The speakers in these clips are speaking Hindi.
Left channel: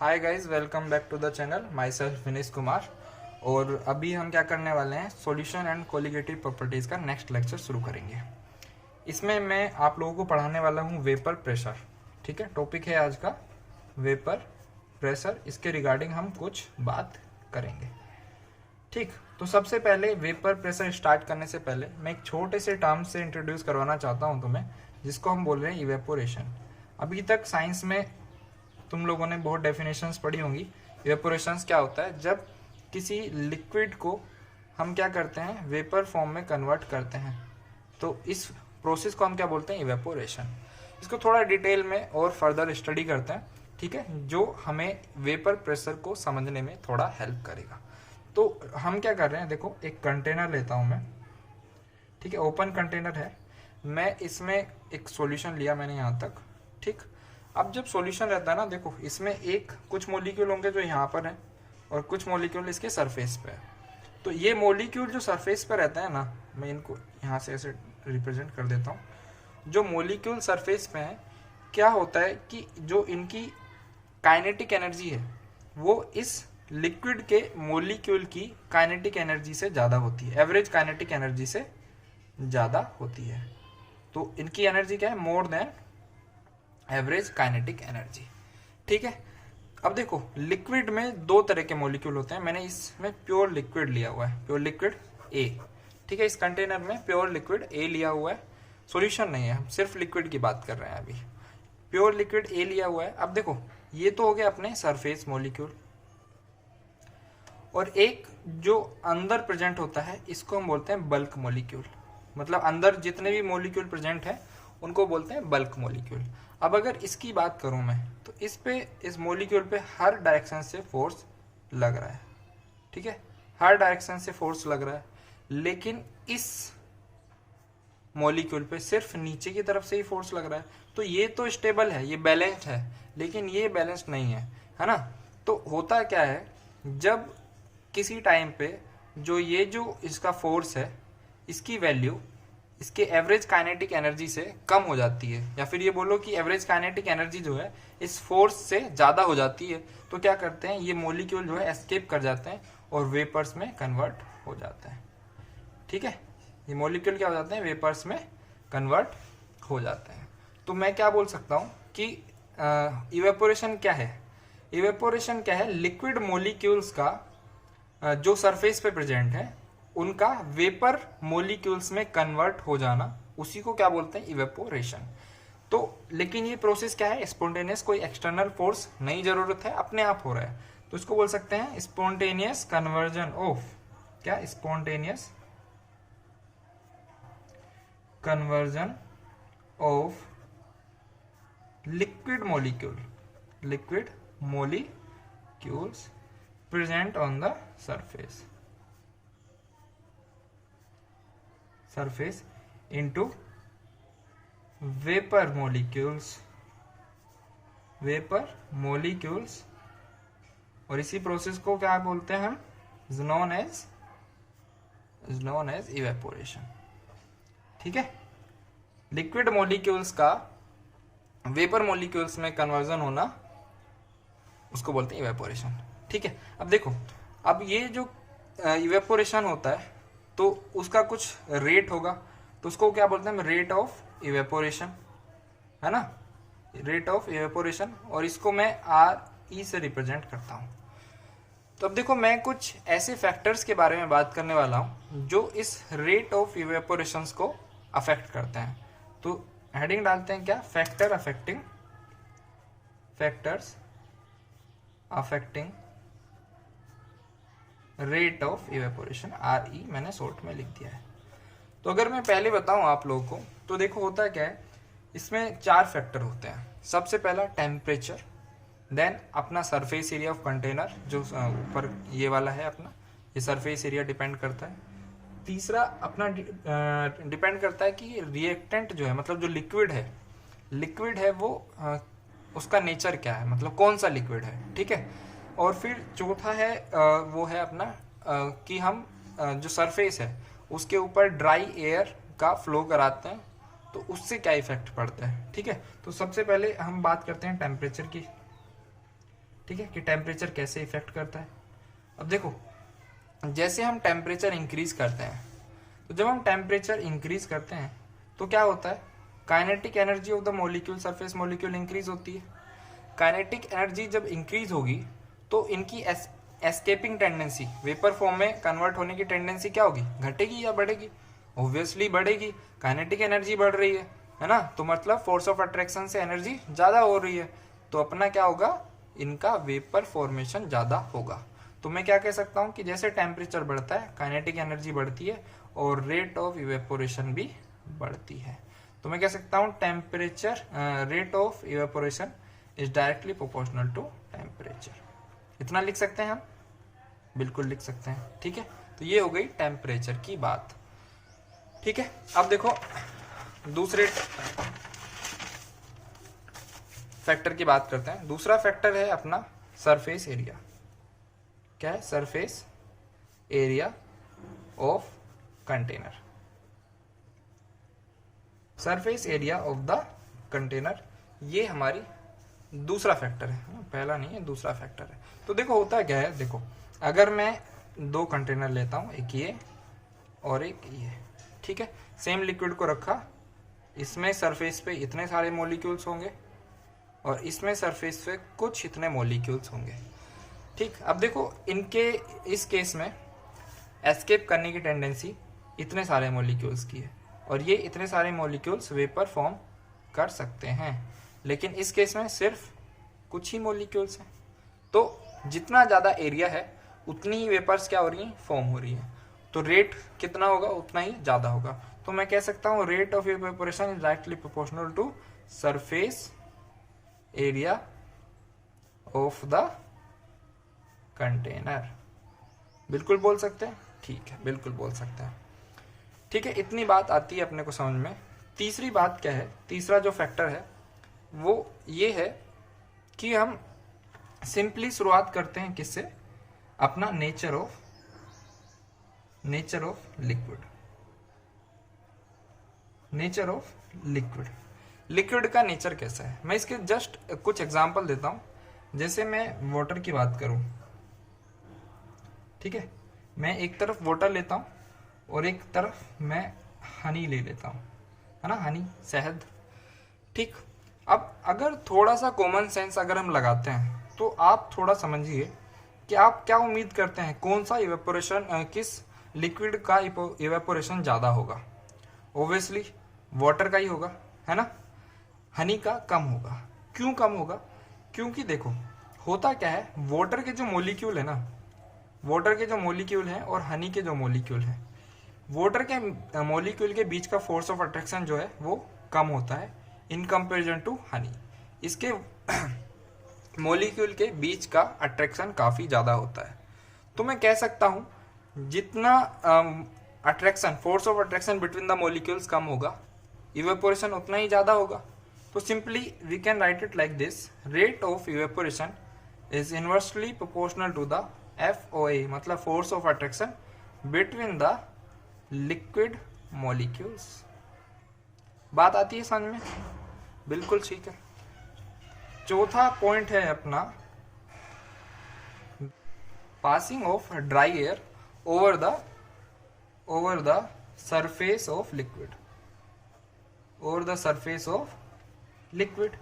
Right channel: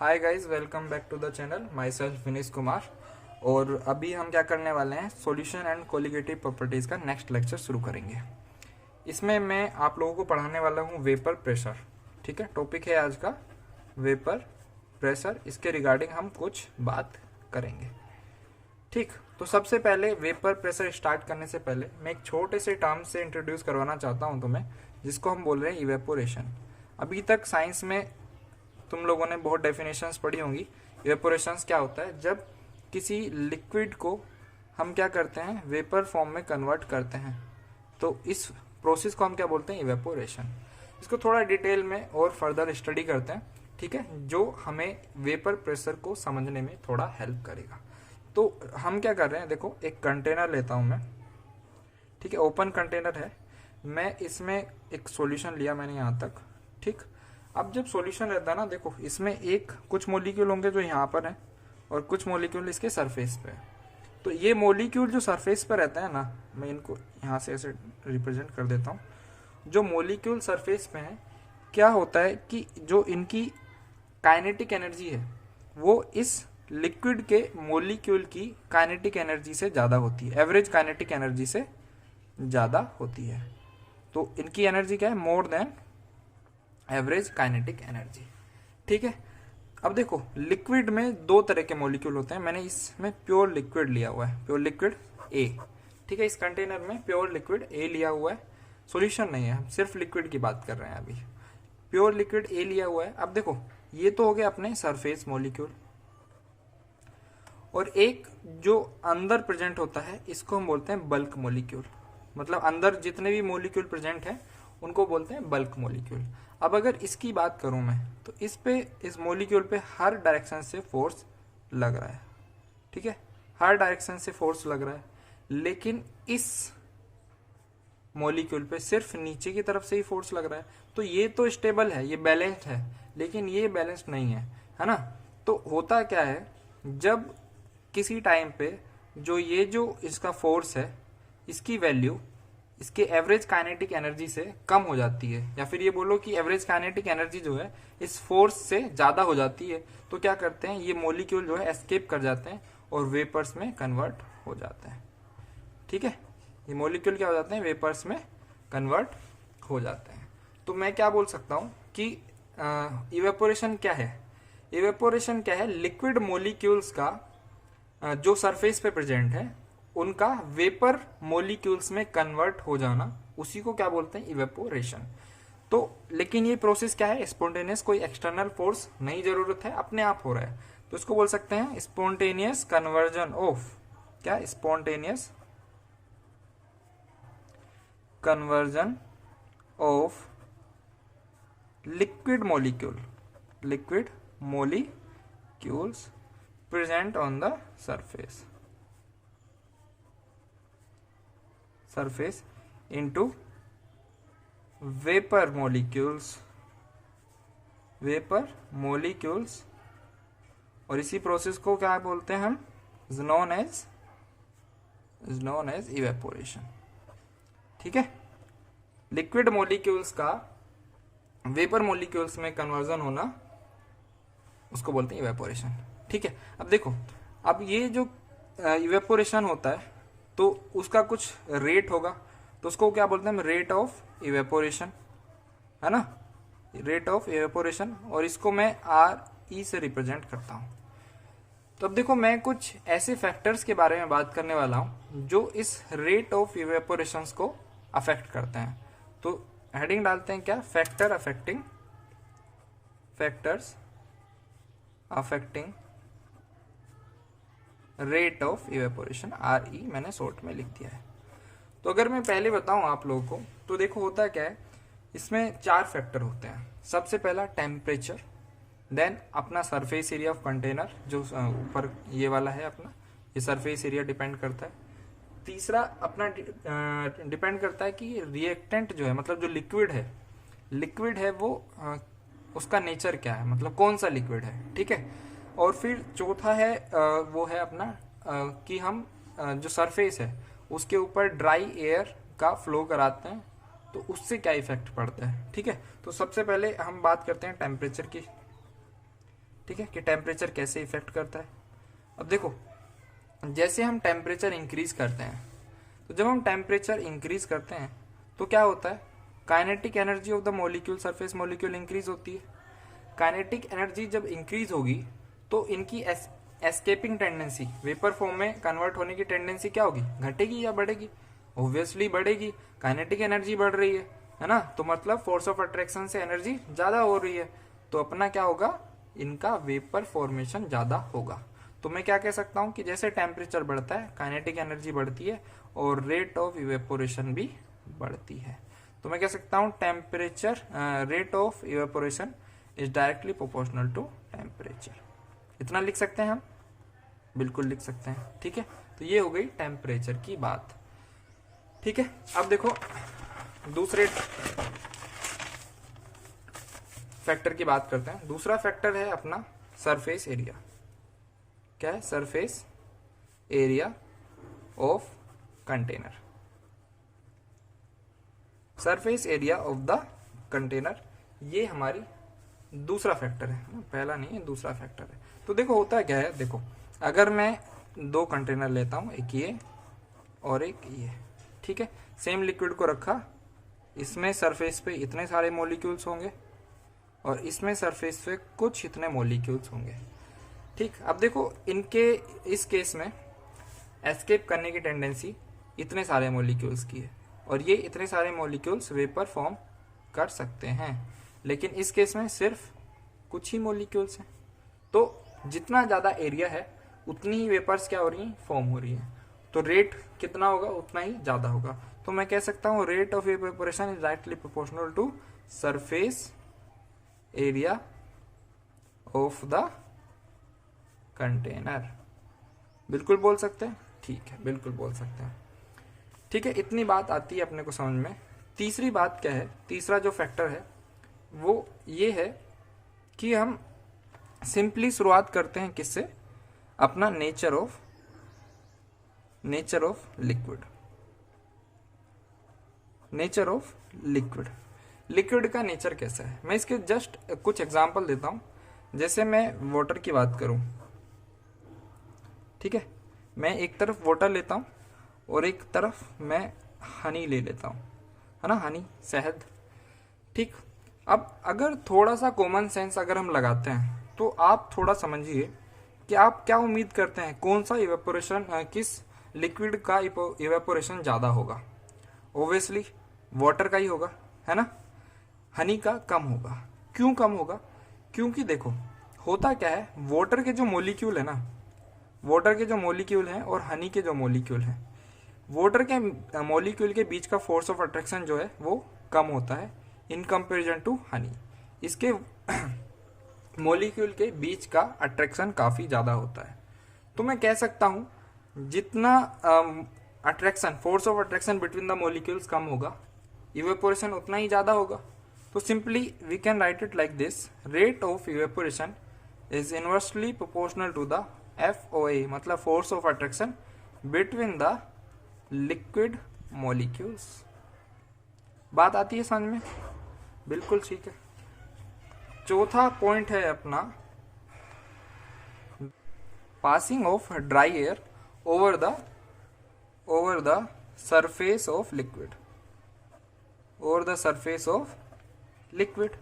Hi guys, welcome back to the channel. Myself Vinish Kumar. और अभी हम क्या करने वाले हैं, सॉल्यूशन एंड कोलिगेटिव प्रॉपर्टीज़ का नेक्स्ट लेक्चर शुरू करेंगे। इसमें मैं आप लोगों को पढ़ाने वाला हूँ वेपर प्रेशर। ठीक है, टॉपिक है आज का वेपर प्रेशर। इसके रिगार्डिंग हम कुछ बात करेंगे। ठीक, तो सबसे पहले वेपर प्रेशर स्टार्ट करने से पहले मैं एक छोटे से टर्म से इंट्रोड्यूस करवाना चाहता हूँ तुम्हें, जिसको हम बोल रहे हैं इवेपोरेशन। अभी तक साइंस में तुम लोगों ने बहुत डेफिनेशंस पढ़ी होंगी। इवेपोरेशंस क्या होता है, जब किसी लिक्विड को हम क्या करते हैं, वेपर फॉर्म में कन्वर्ट करते हैं, तो इस प्रोसेस को हम क्या बोलते हैं, इवेपोरेशन। इसको थोड़ा डिटेल में और फर्दर स्टडी करते हैं, ठीक है, जो हमें वेपर प्रेशर को समझने में थोड़ा हेल्प करेगा। तो हम क्या कर रहे हैं, देखो एक कंटेनर लेता हूं मैं, ठीक है, ओपन कंटेनर है। मैं इसमें एक सॉल्यूशन लिया मैंने यहाँ तक, ठीक। अब जब सॉल्यूशन रहता है ना, देखो इसमें एक कुछ मॉलिक्यूल होंगे जो यहाँ पर हैं और कुछ मॉलिक्यूल इसके सरफेस पे है। तो ये मॉलिक्यूल जो सरफेस पे रहता है ना, मैं इनको यहाँ से ऐसे रिप्रेजेंट कर देता हूँ। जो मॉलिक्यूल सरफेस पे हैं, क्या होता है कि जो इनकी काइनेटिक एनर्जी है वो इस लिक्विड के मॉलिक्यूल की काइनेटिक एनर्जी से ज़्यादा होती है, एवरेज काइनेटिक एनर्जी से ज़्यादा होती है। तो इनकी एनर्जी क्या है, more than average kinetic energy, ठीक है। अब देखो लिक्विड में दो तरह के मॉलिक्यूल होते हैं। मैंने इसमें प्योर लिक्विड लिया हुआ है, प्योर लिक्विड ए, ठीक है। इस कंटेनर में प्योर लिक्विड ए लिया हुआ है, सॉल्यूशन नहीं है, हम सिर्फ लिक्विड की बात कर रहे हैं अभी। प्योर लिक्विड ए लिया हुआ है। अब देखो ये तो हो गया अपने सरफेस मॉलिक्यूल, और एक जो अंदर प्रेजेंट होता है इसको हम बोलते हैं बल्क मॉलिक्यूल। मतलब अंदर जितने भी मॉलिक्यूल प्रेजेंट हैं उनको बोलते हैं बल्क मॉलिक्यूल। अब अगर इसकी बात करूं मैं, तो इस मॉलिक्यूल पे हर डायरेक्शन से फोर्स लग रहा है, ठीक है, हर डायरेक्शन से फोर्स लग रहा है। लेकिन इस मॉलिक्यूल पे सिर्फ नीचे की तरफ से ही फोर्स लग रहा है। तो ये तो स्टेबल है, ये बैलेंस्ड है, लेकिन ये बैलेंस्ड नहीं है ना। तो होता क्या है, जब किसी टाइम पे जो इसका फोर्स है, इसकी वैल्यू इसके एवरेज काइनेटिक एनर्जी से कम हो जाती है, या फिर ये बोलो कि एवरेज काइनेटिक एनर्जी जो है इस फोर्स से ज़्यादा हो जाती है, तो क्या करते हैं, ये मॉलिक्यूल जो है एस्केप कर जाते हैं और वेपर्स में कन्वर्ट हो जाते हैं, ठीक है। ये मॉलिक्यूल क्या हो जाते हैं, वेपर्स में कन्वर्ट हो जाते हैं। तो मैं क्या बोल सकता हूँ कि इवेपोरेशन क्या है। इवेपोरेशन क्या है, लिक्विड मॉलिक्यूल्स का जो सरफेस पे प्रेजेंट है उनका वेपर मॉलिक्यूल्स में कन्वर्ट हो जाना, उसी को क्या बोलते हैं, इवेपोरेशन। तो लेकिन ये प्रोसेस क्या है, स्पॉन्टेनियस, कोई एक्सटर्नल फोर्स नहीं जरूरत है, अपने आप हो रहा है। तो इसको बोल सकते हैं स्पॉन्टेनियस कन्वर्जन ऑफ, क्या, spontaneous conversion of liquid molecules present on the surface into vapor molecules, और इसी प्रोसेस को क्या बोलते हैं हम, नॉन एज इवेपोरेशन, ठीक है। लिक्विड मॉलिक्यूल्स का वेपर मॉलिक्यूल्स में कन्वर्जन होना, उसको बोलते हैं इवेपोरेशन, ठीक है। अब देखो, अब ये जो इवेपोरेशन होता है तो उसका कुछ रेट होगा, तो उसको क्या बोलते हैं, रेट ऑफ इवेपोरेशन, है ना, रेट ऑफ इवेपोरेशन। और इसको मैं आर ई से रिप्रेजेंट करता हूं। तो अब देखो मैं कुछ ऐसे फैक्टर्स के बारे में बात करने वाला हूं जो इस रेट ऑफ इवेपोरेशन को अफेक्ट करते हैं। तो हेडिंग डालते हैं क्या, factors affecting rate of evaporation, R E मैंने शॉर्ट में लिख दिया है। तो अगर मैं पहले बताऊं आप लोगों को, तो देखो होता क्या है, इसमें चार फैक्टर होते हैं। सबसे पहला टेम्परेचर, देन अपना सरफेस एरिया ऑफ कंटेनर, जो ऊपर ये वाला है अपना, ये सरफेस एरिया डिपेंड करता है। तीसरा अपना डिपेंड करता है कि रिएक्टेंट जो है, मतलब जो लिक्विड है वो उसका नेचर क्या है, मतलब कौन सा लिक्विड है, ठीक है। और फिर चौथा है वो है अपना कि हम जो सरफेस है उसके ऊपर ड्राई एयर का फ्लो कराते हैं, तो उससे क्या इफेक्ट पड़ता है, ठीक है। तो सबसे पहले हम बात करते हैं टेम्परेचर की। ठीक है, कि टेम्परेचर कैसे इफेक्ट करता है। अब देखो, जैसे हम टेम्परेचर इंक्रीज करते हैं, तो जब हम टेम्परेचर इंक्रीज करते हैं तो क्या होता है, kinetic energy of the molecule, surface molecule increase होती है। काइनेटिक एनर्जी जब इंक्रीज होगी तो इनकी एस्केपिंग टेंडेंसी, वेपर फॉर्म में कन्वर्ट होने की टेंडेंसी क्या होगी, घटेगी या बढ़ेगी? ऑब्वियसली बढ़ेगी। काइनेटिक एनर्जी बढ़ रही है ना, तो मतलब फोर्स ऑफ अट्रैक्शन से एनर्जी ज्यादा हो रही है, तो अपना क्या होगा, इनका वेपर फॉर्मेशन ज्यादा होगा। तो मैं क्या कह सकता हूं कि जैसे टेम्परेचर बढ़ता है काइनेटिक एनर्जी बढ़ती है और रेट ऑफ इवेपोरेशन भी बढ़ती है। तो मैं कह सकता हूं temperature, rate of evaporation is directly proportional to temperature. इतना लिख सकते हैं हम, बिल्कुल लिख सकते हैं। ठीक है, तो ये हो गई टेम्परेचर की बात। ठीक है, अब देखो दूसरे फैक्टर की बात करते हैं। दूसरा फैक्टर है अपना सरफेस एरिया। क्या है? Surface area of container. Surface area of the container, ये हमारी दूसरा फैक्टर है, पहला नहीं है, दूसरा फैक्टर है। तो देखो होता क्या है, देखो अगर मैं दो कंटेनर लेता हूं, एक ये और एक ये, ठीक है, सेम लिक्विड को रखा, इसमें सरफेस पे इतने सारे मॉलिक्यूल्स होंगे और इसमें सरफेस पे कुछ इतने मॉलिक्यूल्स होंगे। ठीक, अब देखो इनके इस केस में एस्केप करने की टेंडेंसी इतने सारे मॉलिक्यूल्स की है और ये इतने सारे मॉलिक्यूल्स वेपर फॉर्म कर सकते हैं, लेकिन इस केस में सिर्फ कुछ ही मॉलिक्यूल्स हैं। तो जितना ज्यादा एरिया है उतनी ही वेपर्स क्या हो रही हैं, फॉर्म हो रही हैं। तो रेट कितना होगा उतना ही ज्यादा होगा। तो मैं कह सकता हूं rate of evaporation is directly proportional to surface area of the container. बिल्कुल बोल सकते हैं, ठीक है, बिल्कुल बोल सकते हैं। ठीक है, इतनी बात आती है अपने को समझ में। तीसरी बात क्या है, तीसरा जो फैक्टर है वो ये है कि हम सिंपली शुरुआत करते हैं किससे, अपना nature of liquid. Nature of liquid, liquid का नेचर कैसा है, मैं इसके जस्ट कुछ एग्जांपल देता हूं। जैसे मैं वाटर की बात करूं, ठीक है, मैं एक तरफ वाटर लेता हूं और एक तरफ मैं हनी ले लेता हूं, है ना, हनी, शहद। ठीक, अब अगर थोड़ा सा कॉमन सेंस अगर हम लगाते हैं तो आप थोड़ा समझिए कि आप क्या उम्मीद करते हैं, कौन सा इवेपोरेशन, किस लिक्विड का इवेपोरेशन ज्यादा होगा? ऑब्वियसली वाटर का ही होगा, है ना। हनी का कम होगा। क्यों कम होगा? क्योंकि देखो होता क्या है, वाटर के जो मॉलिक्यूल है ना, वाटर के जो मॉलिक्यूल हैं और हनी के जो मॉलिक्यूल हैं, वाटर के मॉलिक्यूल के बीच का फोर्स ऑफ अट्रैक्शन जो है वो कम होता है इन कंपैरिजन टू हनी। इसके मॉलिक्यूल के बीच का अट्रैक्शन काफी ज्यादा होता है। तो मैं कह सकता हूं जितना attraction, force of attraction between the molecules कम होगा, इवेपोरेशन उतना ही ज्यादा होगा। तो simply we can write it like this, rate of evaporation is inversely proportional to the FOA, मतलब force of attraction between the liquid molecules. बात आती है समझ में? बिल्कुल ठीक है। चौथा पॉइंट है अपना passing of dry air over the surface of liquid, over the surface of liquid.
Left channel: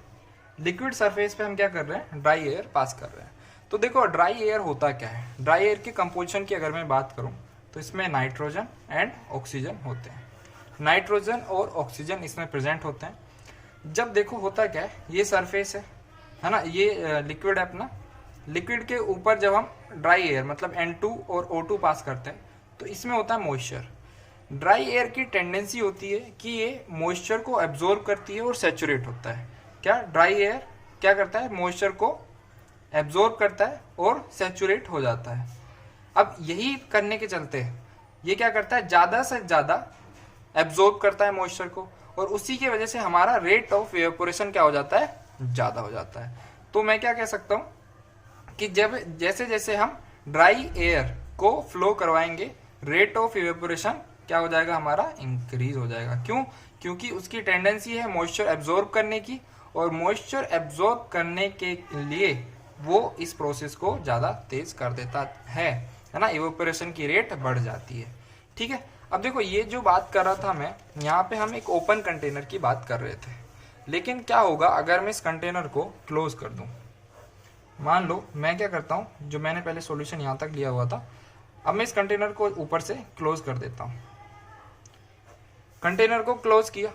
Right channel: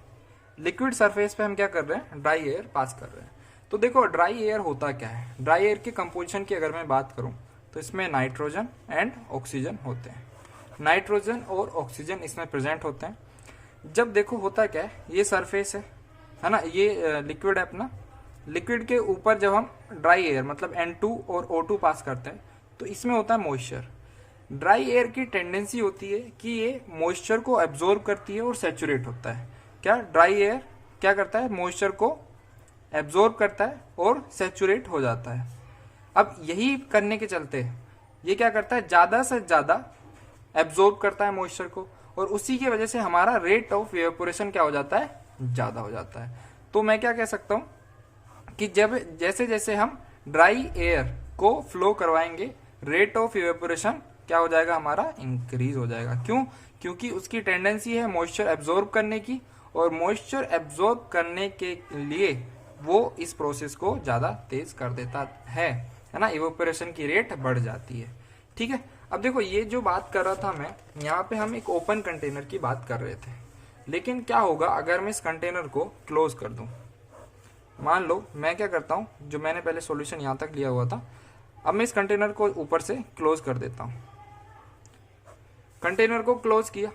Liquid surface पे हम क्या कर रहे हैं, ड्राई एयर पास कर रहे हैं। तो देखो ड्राई एयर होता क्या है, ड्राई एयर की कंपोजिशन की अगर मैं बात करूं तो इसमें नाइट्रोजन एंड ऑक्सीजन होते हैं। नाइट्रोजन और ऑक्सीजन इसमें प्रेजेंट होते हैं। जब देखो होता क्या है, ये सरफेस है ना, ये लिक्विड है अपना, लिक्विड के ऊपर जब हम ड्राई एयर मतलब N2 और O2 पास करते हैं तो इसमें होता है मॉइस्चर। ड्राई एयर की टेंडेंसी होती है कि ये मॉइस्चर को एब्जॉर्ब करती है और सैचुरेट होता है। क्या ड्राई एयर क्या करता है, मॉइस्चर को एब्जॉर्ब करता है और सैचुरेट हो जाता है। अब यही करने के चलते ये क्या करता है, ज्यादा से ज्यादा एब्जॉर्ब करता है मॉइस्चर को और उसी की वजह से हमारा रेट ऑफ इवेपोरेशन क्या हो जाता है, ज्यादा हो जाता है। तो मैं क्या कह सकता हूं कि जब जैसे जैसे हम ड्राई एयर को फ्लो करवाएंगे, रेट ऑफ इवेपोरेशन क्या हो जाएगा, हमारा इंक्रीज हो जाएगा। क्यों? क्योंकि उसकी टेंडेंसी है मॉइस्चर एब्जॉर्ब करने की और मॉइस्चर एब्जॉर्ब करने के लिए वो इस प्रोसेस को ज़्यादा तेज कर देता है ना, इवेपोरेशन की रेट बढ़ जाती है। ठीक है, अब देखो ये जो बात कर रहा था मैं, यहाँ पे हम एक ओपन कंटेनर की बात कर रहे थे, लेकिन क्या होगा अगर मैं इस कंटेनर को क्लोज कर दूं। मान लो मैं क्या करता हूँ, जो मैंने पहले सॉल्यूशन यहाँ तक लिया हुआ था, अब मैं इस कंटेनर को ऊपर से क्लोज कर देता हूँ। कंटेनर को क्लोज किया,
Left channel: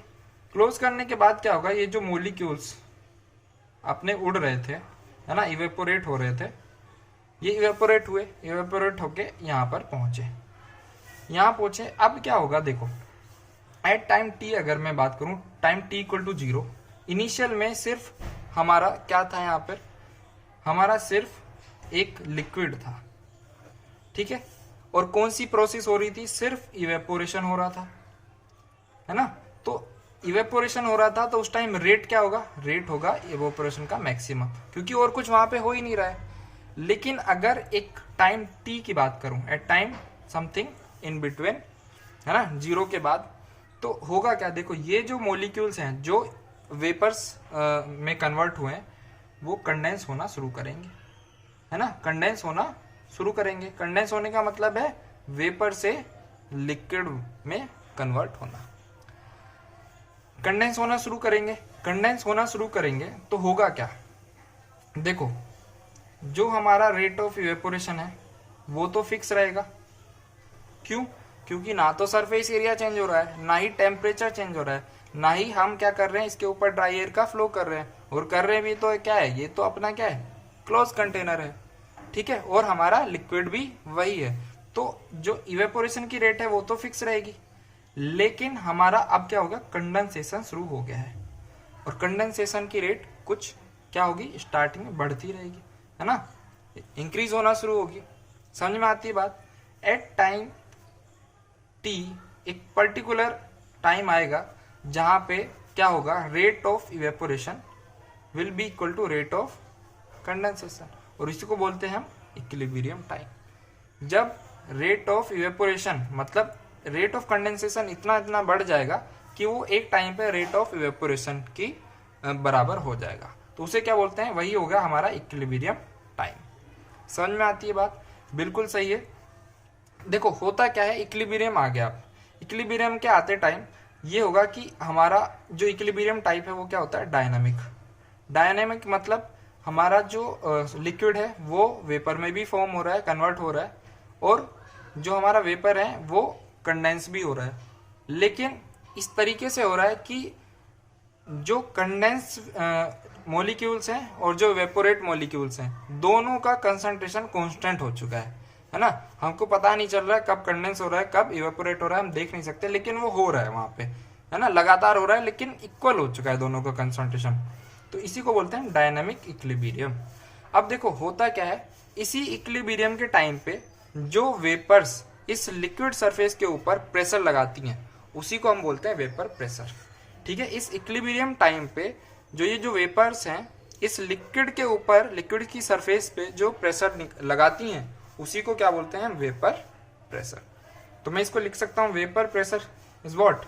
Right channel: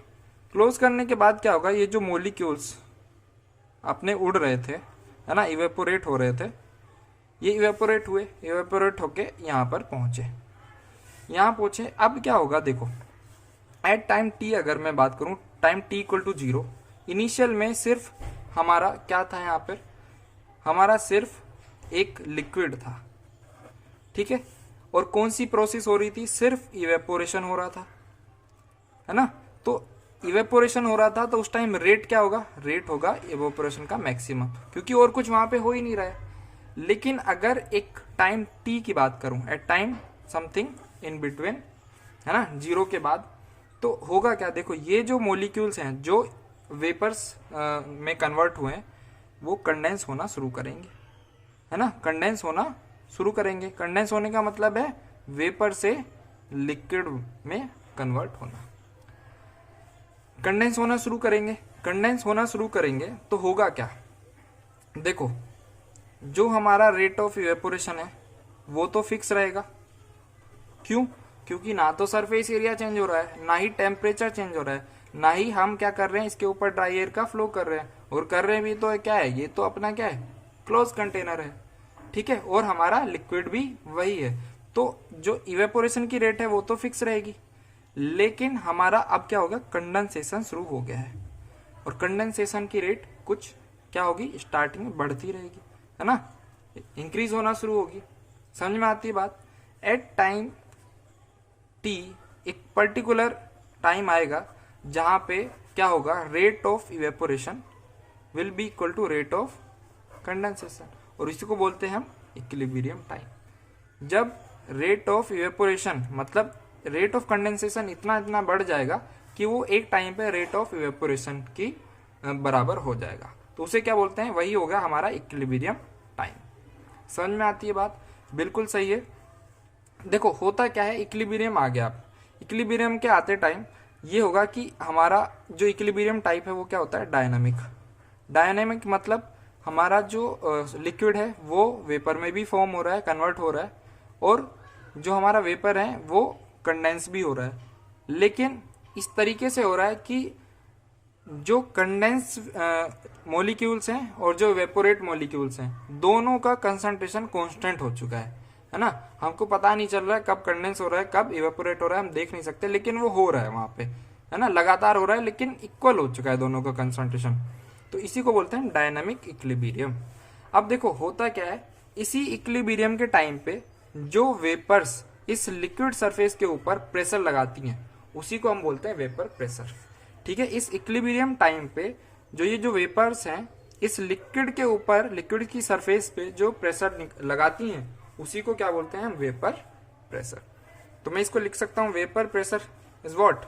क्लोज करने के बाद क्या होगा, ये जो मोलिक्यूल्स अपने उड़ रहे थे है ना, इवेपोरेट हो रहे थे, ये इवेपोरेट हुए, इवेपोरेट होके यहाँ पर पहुंचे, यहाँ पहुंचे। अब क्या होगा देखो, एट टाइम टी अगर मैं बात करूं, time T equal to 0, initial में सिर्फ हमारा क्या था, यहाँ पर हमारा सिर्फ एक लिक्विड था। ठीक है, और कौन सी प्रोसेस हो रही थी, सिर्फ इवेपोरेशन हो रहा था, है ना। तो इवेपोरेशन हो रहा था तो उस टाइम रेट क्या होगा, रेट होगा इवेपोरेशन का मैक्सिमम, क्योंकि और कुछ वहां पे हो ही नहीं रहा है। लेकिन अगर एक टाइम टी की बात करूं, at time something in between, है ना, 0 के बाद, तो होगा क्या, देखो ये जो मॉलिक्यूल्स हैं जो वेपर्स में कन्वर्ट हुए हैं, वो कंडेंस होना शुरू करेंगे, है ना, कंडेंस होना शुरू करेंगे। कंडेंस होने का मतलब है वेपर से लिक्विड में कन्वर्ट होना। कंडेंस होना शुरू करेंगे, कंडेंस होना शुरू करेंगे तो होगा क्या, देखो जो हमारा रेट ऑफ इवेपोरेशन है वो तो फिक्स रहेगा। क्यों, क्योंकि ना तो सरफेस एरिया चेंज हो रहा है, ना ही टेम्परेचर चेंज हो रहा है, ना ही हम क्या कर रहे हैं, इसके ऊपर ड्राई एयर का फ्लो कर रहे हैं, और कर रहे भी तो क्या है, ये तो अपना क्या है, क्लोज कंटेनर है। ठीक है, और हमारा लिक्विड भी वही है, तो जो इवेपोरेशन की रेट है वो तो फिक्स रहेगी। लेकिन हमारा अब क्या हो गया, कंडेंसेशन शुरू हो गया है, और कंडेंसेशन की रेट कुछ क्या होगी, स्टार्टिंग में बढ़ती रहेगी, है ना, इंक्रीज होना शुरू होगी। समझ में आती है बात। एट टाइम टी एक पर्टिकुलर टाइम आएगा जहां पे क्या होगा, rate of evaporation will be equal to rate of condensation, और इसी को बोलते हैं हम इक्विलिब्रियम टाइम। जब रेट ऑफ इवेपोरेशन मतलब रेट ऑफ कंडेंसेशन इतना बढ़ जाएगा कि वो एक टाइम पे रेट ऑफ इवेपोरेशन की बराबर हो जाएगा, तो उसे क्या बोलते हैं, वही होगा हमारा इक्विलिब्रियम टाइम। समझ में आती है बात, बिल्कुल सही है। देखो होता क्या है, इक्विलिब्रियम आ गया, इक्विलिब्रियम के आते टाइम ये होगा कि हमारा जो इक्विलिब्रियम टाइप है वो क्या होता है, डायनामिक। डायनामिक मतलब हमारा जो लिक्विड है वो वेपर में भी फॉर्म हो रहा है, कन्वर्ट हो रहा है, और जो हमारा वेपर है वो कंडेंस भी हो रहा है। लेकिन इस तरीके से हो रहा है कि जो कंडेंस मॉलिक्यूल्स हैं और जो वेपोरेट मॉलिक्यूल्स हैं, दोनों का कंसंट्रेशन कांस्टेंट हो चुका है ना। हमको पता नहीं चल रहा है कब कंडेंस हो रहा है, कब इवेपोरेट हो रहा है, हम देख नहीं सकते, लेकिन वो हो रहा है वहां पे, है ना, लगातार हो रहा है, लेकिन इक्वल हो चुका है दोनों का कंसंट्रेशन। तो इसी को बोलते हैं डायनामिक इक्विलिब्रियम। अब देखो होता क्या है, इसी इक्विलिब्रियम के टाइम पे जो वेपर्स इस लिक्विड सरफेस के ऊपर प्रेशर लगाती हैं, उसी को हम बोलते हैं वेपर प्रेशर। ठीक है, इस इक्विलिब्रियम टाइम पे जो ये जो वेपर्स हैं इस लिक्विड के ऊपर, लिक्विड की सरफेस पे जो प्रेशर लगाती हैं, उसी को क्या बोलते हैं हम, वेपर प्रेशर। तो मैं इसको लिख सकता हूं, vapour pressure is what,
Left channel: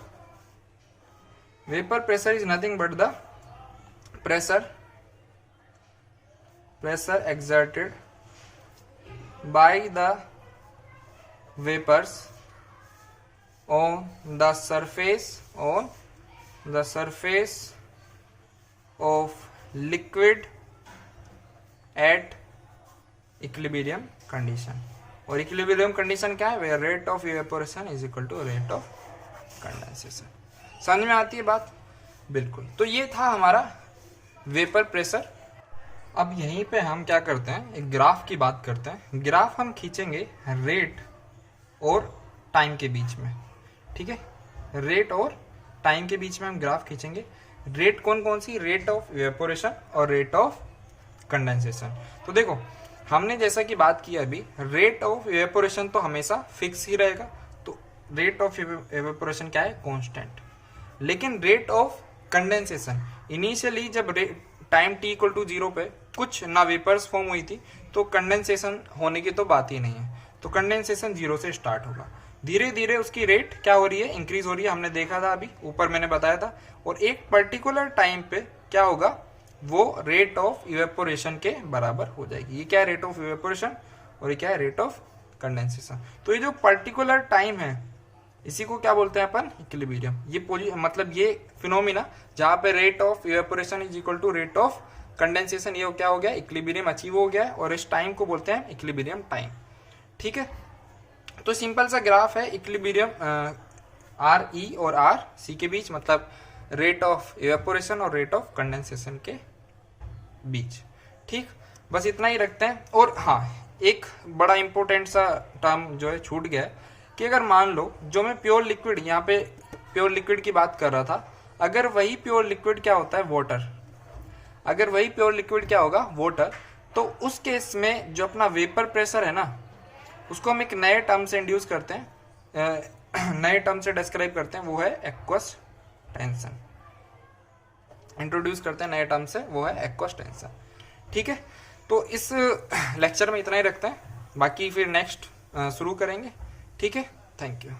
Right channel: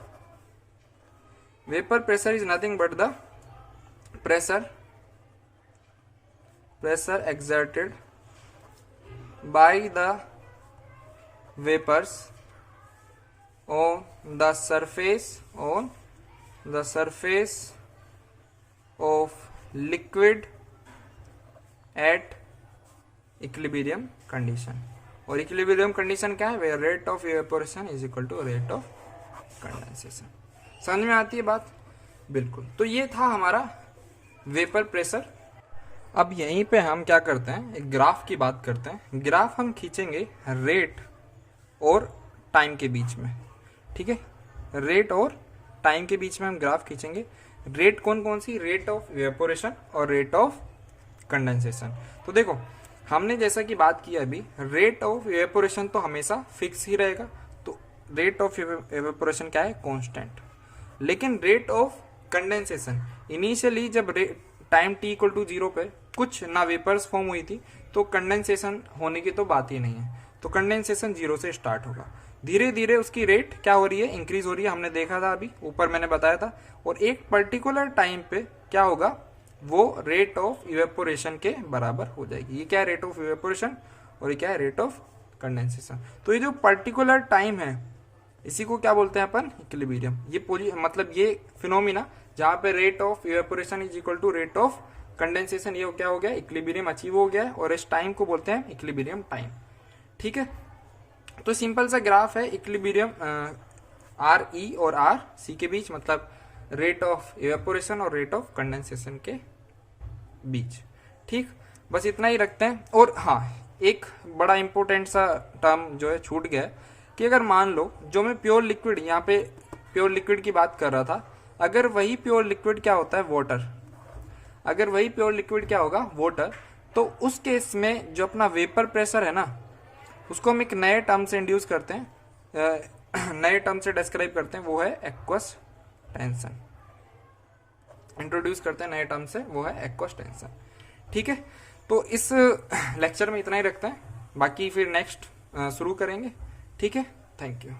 vapour pressure is nothing but the pressure exerted by the vapors on the surface of liquid at equilibrium condition। और इक्विलिब्रियम कंडीशन क्या है, where rate of evaporation is equal to rate of condensation. समझ में आती है बात, बिल्कुल। तो ये था हमारा वेपर प्रेशर। अब यहीं पे हम क्या करते हैं, एक ग्राफ की बात करते हैं। ग्राफ हम खींचेंगे रेट और टाइम के बीच में। ठीक है, रेट और टाइम के बीच में हम ग्राफ खींचेंगे। रेट कौन कौन सी, रेट ऑफ इवेपोरेशन और रेट ऑफ कंडेंसेशन। तो देखो हमने जैसा कि बात की अभी, रेट ऑफ इवेपोरेशन तो हमेशा फिक्स ही रहेगा, तो रेट ऑफ इवेपोरेशन क्या है, कांस्टेंट। लेकिन रेट ऑफ कंडेंसेशन इनिशियली जब टाइम t इक्वल टू 0 पे कुछ ना वेपर्स फॉर्म हुई थी, तो कंडेंसेशन होने की तो बात ही नहीं है, तो कंडेंसेशन 0 से स्टार्ट होगा। धीरे धीरे उसकी रेट क्या हो रही है, इंक्रीज हो रही है, हमने देखा था अभी ऊपर मैंने बताया था। और एक पर्टिकुलर टाइम पे क्या होगा, वो रेट ऑफ इवेपोरेशन के बराबर हो जाएगी। ये क्या है, रेट ऑफ इवेपोरेशन, और ये क्या है, रेट ऑफ कंडेंसेशन। तो ये जो पर्टिकुलर टाइम है इसी को क्या बोलते हैं अपन, इक्विलिब्रियम। ये मतलब ये फिनोमिना जहां पे rate of evaporation is equal to rate of condensation, ये क्या हो गया, इक्विलिब्रियम अचीव हो गया है, और इस टाइम को बोलते हैं इक्विलिब्रियम टाइम। ठीक है, तो सिंपल सा ग्राफ है इक्विलिब्रियम आर ई और आर सी के बीच, मतलब रेट ऑफ इवेपोरेशन और रेट ऑफ कंडेंसेशन के बीच। ठीक, बस इतना ही रखते हैं। और हाँ, एक बड़ा इंपॉर्टेंट सा टर्म जो है छूट गया है कि अगर मान लो जो मैं प्योर लिक्विड, यहाँ पे प्योर लिक्विड की बात कर रहा था, अगर वही प्योर लिक्विड क्या होता है, वाटर, अगर वही प्योर लिक्विड क्या होगा, वाटर, तो उस केस में जो अपना वेपर प्रेशर है ना, उसको हम एक नए टर्म से इंड्यूस करते हैं, नए टर्म से डिस्क्राइब करते हैं, वो है एक्वस टेंशन। इंट्रोड्यूस करते हैं नए टर्म से, वो है एक्वस टेंशन। ठीक है, तो इस लेक्चर में इतना ही रखते हैं, बाकी फिर नेक्स्ट शुरू करेंगे। ठीक है, थैंक यू।